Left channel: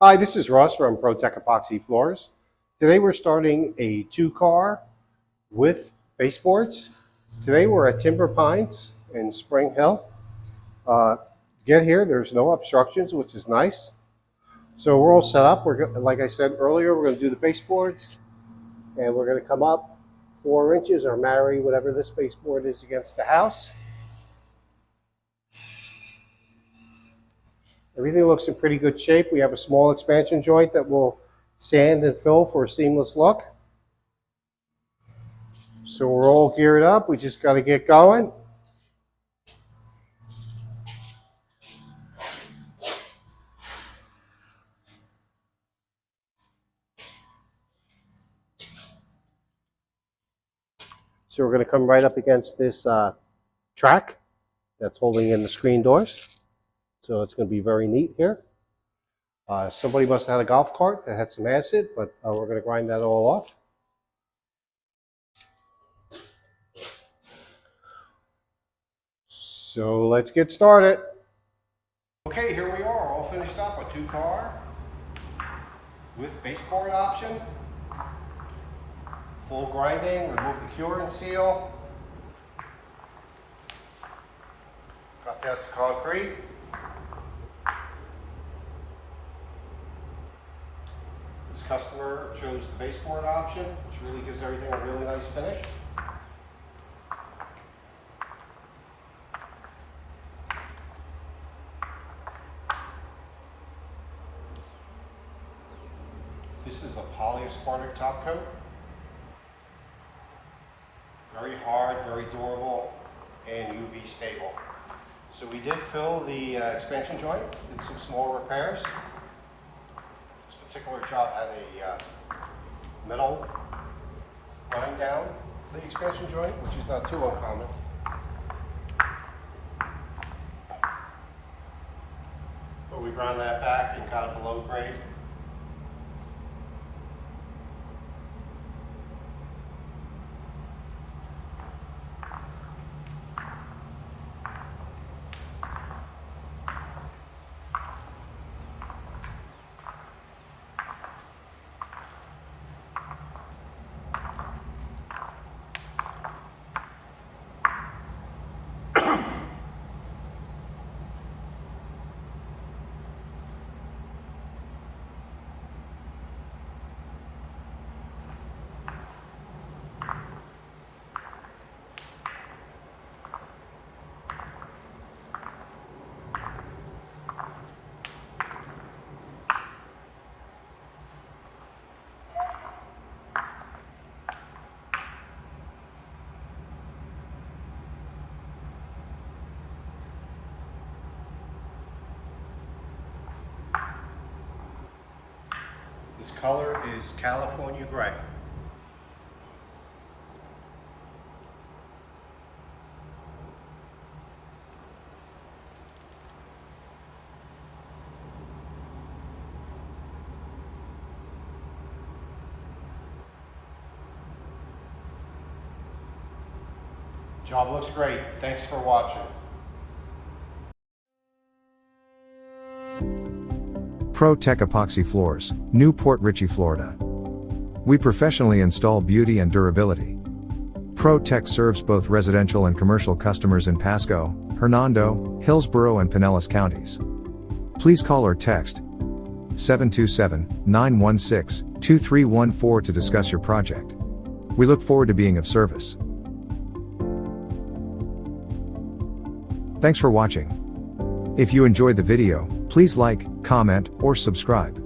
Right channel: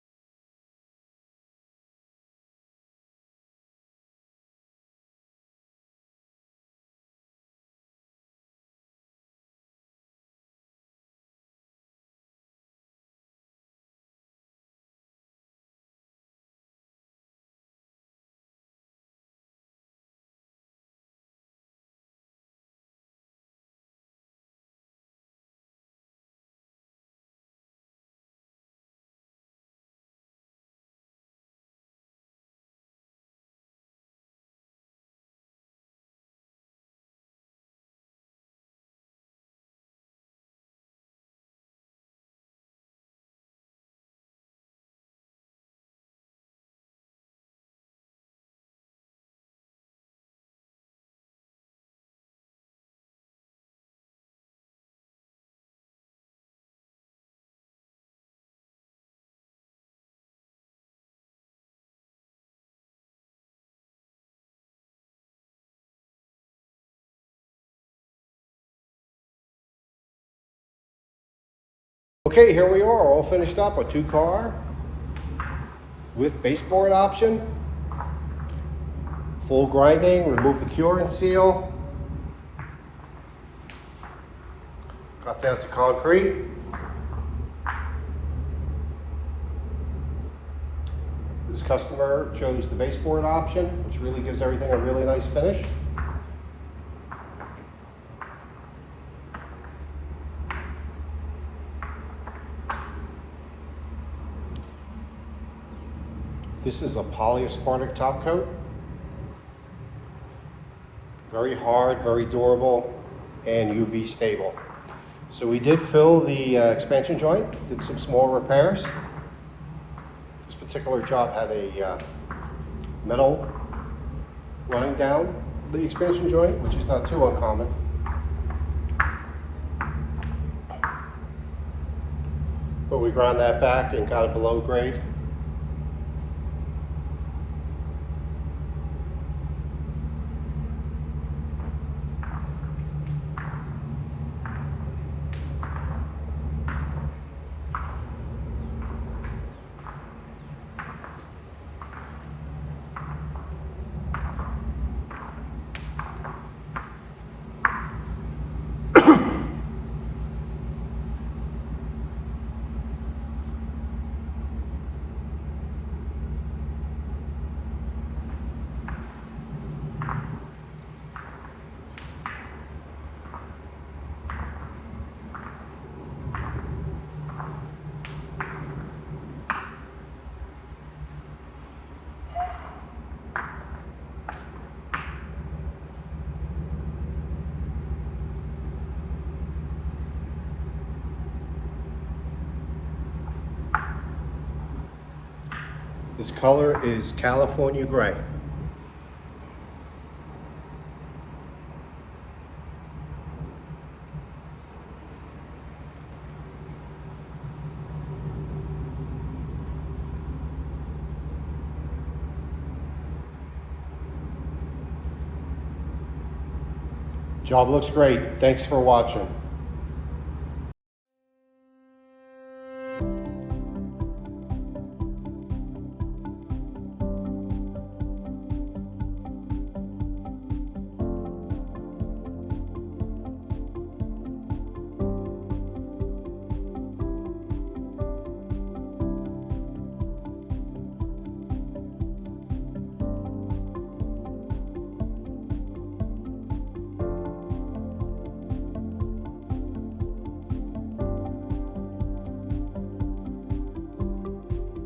Hi, this is Russ from ProTech Epoxy Floors. Today we're starting a two-car with baseboards. Today we're at Timber Pines in Spring Hill. Get here, there's no obstructions, which is nice. So we're all set up. Like I said earlier, we're going to do the baseboards, and we're going to come up 4 inches or marry whatever this baseboard is against the house. Everything looks in pretty good shape. We have a small expansion joint that will sand and fill for a seamless look. So we're all geared up. We just got to get going. So we're going to come right up against this track that's holding in the screen doors. So it's going to be very neat here. Somebody must have had a golf cart that had some acid, but we're going to grind that all off. So let's get started. Okay, here we are, all finished up, a two-car with baseboard option. Full grinding, remove the cure and seal. Cut down to concrete. This customer chose the baseboard option, which really gives everything a really nice finish. This is a polyaspartic top coat. Very hard, very durable, and UV stable. So we did fill the expansion joint, did some small repairs. This particular job had a metal running down the expansion joint, which is not too uncommon. But we ground that back and got it below grade. This color is California Gray. Job looks great. Thanks for watching. ProTech Epoxy Floors, Newport, Richey, Florida. We professionally install beauty and durability. ProTech serves both residential and commercial customers in Pasco, Hernando, Hillsborough and Pinellas counties. Please call or text 727-916-2314 to discuss your project. We look forward to being of service. Thanks for watching. If you enjoyed the video, please like, comment, or subscribe.